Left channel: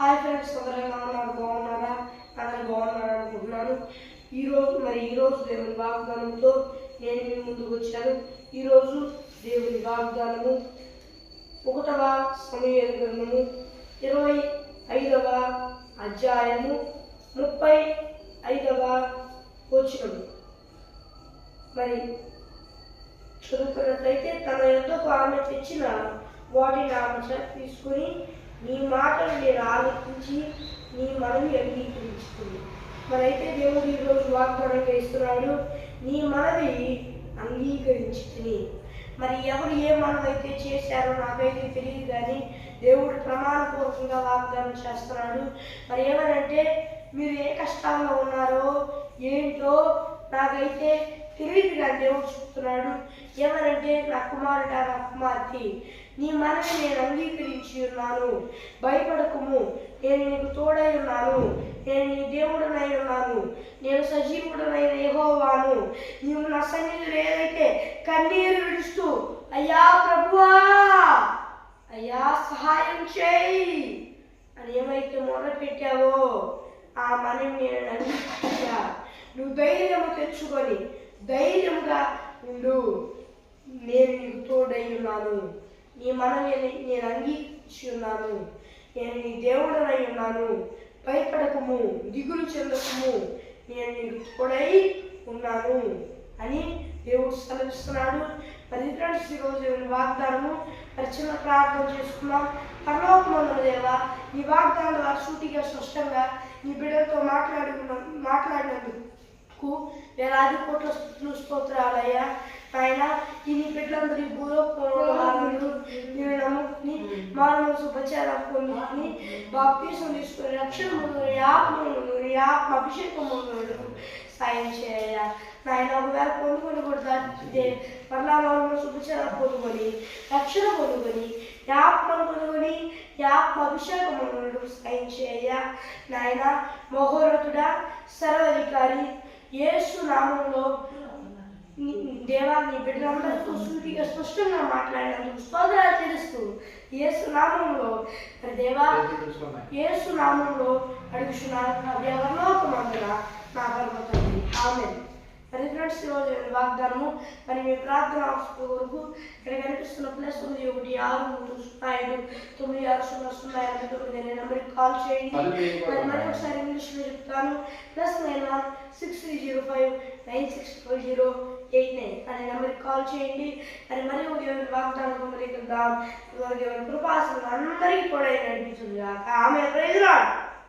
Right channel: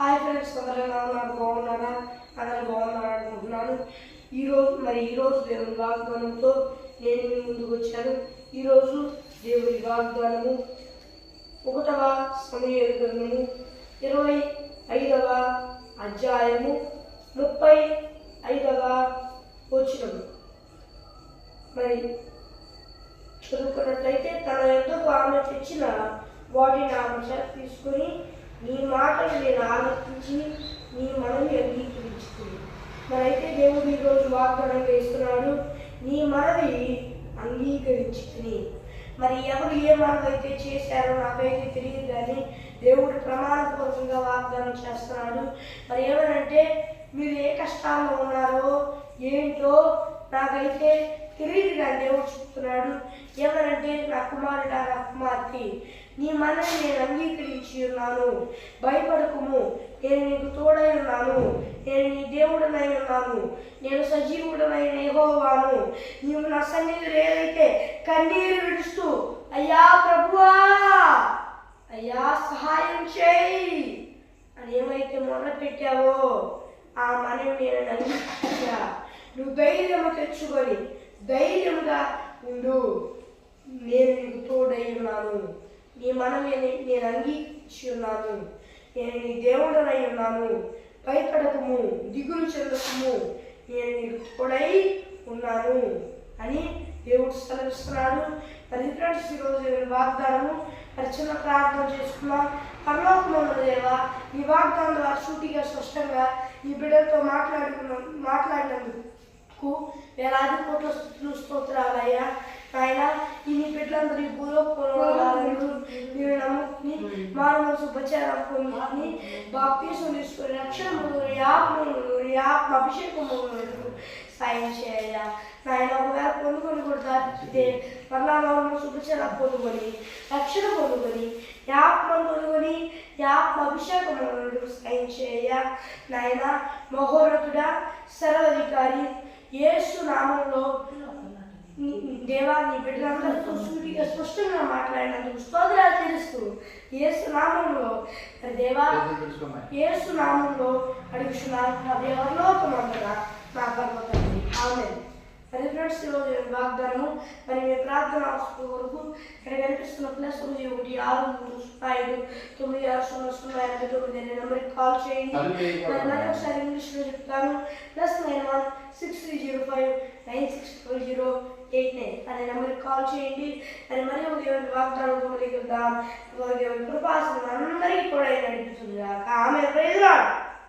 Hi friends, అందరూ ఎలా ఉన్నారు? బాగున్నారా? అందరూ బాగున్నారా అనుకుంటున్నాను. ఈరోజు దేవుని వాగ్దానంతో నేను మీ ముందుకు వచ్చాను. ఈరోజు దేవుని వాగ్దానము 1వ సమూయేలు గ్రంథము 25వ అధ్యాయము 35వ వచనము. చదువుకున్నట్లయితే, తన యొద్దకు ఆమె తెచ్చిన వాటిని ఆమె తీసుకుని, నీ మాటలు నేను ఆలోచించి నీ మనవి అంగీకరించుకుంది. అయితే దేవుడు ఈరోజు వాగ్దానంగా ఇస్తున్నాడు, నీ మనవి అంగీకరించుకుని. ఎవరు ఏ మనవి అయితే చేశారో నాకైతే తెలియదు, కానీ దేవుడు ప్రమాణపూర్వకంగా వాగ్దానం చేస్తున్నాడు. ఏమనంటే, మీరు ఏ కష్టాల్లో ఉన్నారో ఏంటో నాకైతే తెలియదు, కానీ దేవుడు చెప్తున్నాడు. ఏమనంటే, నా కుమారుడా, నా కుమార్తె, నీ మనవి నేను అంగీకరించి ఉన్నాను, భయపడకుము, నేను నీకు తోడై ఉన్నాను, నేను నీ దేవుడనై ఉన్నాను, నేను సజీవుడనైన యెహోవాను. నీవు నా సన్నిధిలో ఏదైతే కన్నీరు విడుస్తూ, అయ్యా ప్రభువా, అయ్యా సహాయం చేయి అని ఏమైతే మొదలుపెట్టావో ఆ మనవి నేను అంగీకరించా. నువ్వు ధైర్యము తెచ్చుకొని ధైర్యంగా ఉండు, నేను నీకు తోడై ఉన్నాను, నీ మనవి నేను అంగీకరించి ఉన్నాను, నేను నీ దేవుడనై ఉన్నాను, భయపడకము, దిగులు చెందకము, నేను నీకు తోడై ఉన్నాను అని దేవుడు సెలవిస్తున్నాడు. ఫ్రెండ్స్, ఈరోజు వాగ్దానము చిన్న ప్రార్థన చేసుకున్నాం. పరలోకమందున్న దేవా, నీ వాగ్దానం ద్వారా సూటిగా స్పష్టంగా నీ బిడ్డలతో మాట్లాడినందుకు వేలాది కోట్ల స్తుతులు, స్తోత్రాలయ్యా. ఆయన ఈ నీ బిడ్డలందరూ ఈ భూలోకంలో మీరు నమ్ముకుని మానవ ఉపచారం పొందుకుని బాప్తీసం తీసుకుని రక్షణ ఆత్మ అభిషేకము సాయం చేయ. నాయన ఒకవేళ పొందుకొని కూడా దాటితే మరలా మానవ ఉపచారం పొందుకొని రక్షణ పొందుకొని ఆత్మను పొందుకొని ఆత్మ అభిషేకము సాయం చేయ. నాయన మహోన్నతుడా, సర్వాధికారి, యేసు నామంలో దేవా, నీ బిడ్డలందరితో సూటిగా స్పష్టంగా మాట్లాడినందుకు స్తోత్రాలు తెలుస్తూ యేసు నామంలో దేవా, యేసు నామంలో అడుగుచున్నాను పరలోకమందున నా పరమ తండ్రి, ఆమేన్. ఫ్రెండ్స్, ఈరోజు వాగ్దానము మీ ప్రార్థన కొరకు ఇక్కడ కనిపిస్తున్న +1 6 3 5 9 6 0 0 8 అనే నెంబర్కి కాల్ చేయండి. మరి ఒకసారి ఇంగ్లీష్లో చెప్తాను. +91 6305 9650 అనే నెంబర్కి కాల్ చేయండి. మరి ఒక దేవుని వాగ్దానంతో మరి దేవుని కృపాసనం అందరికీ కూడా నడిపించుగాక. ఆమేన్. Praise the lord.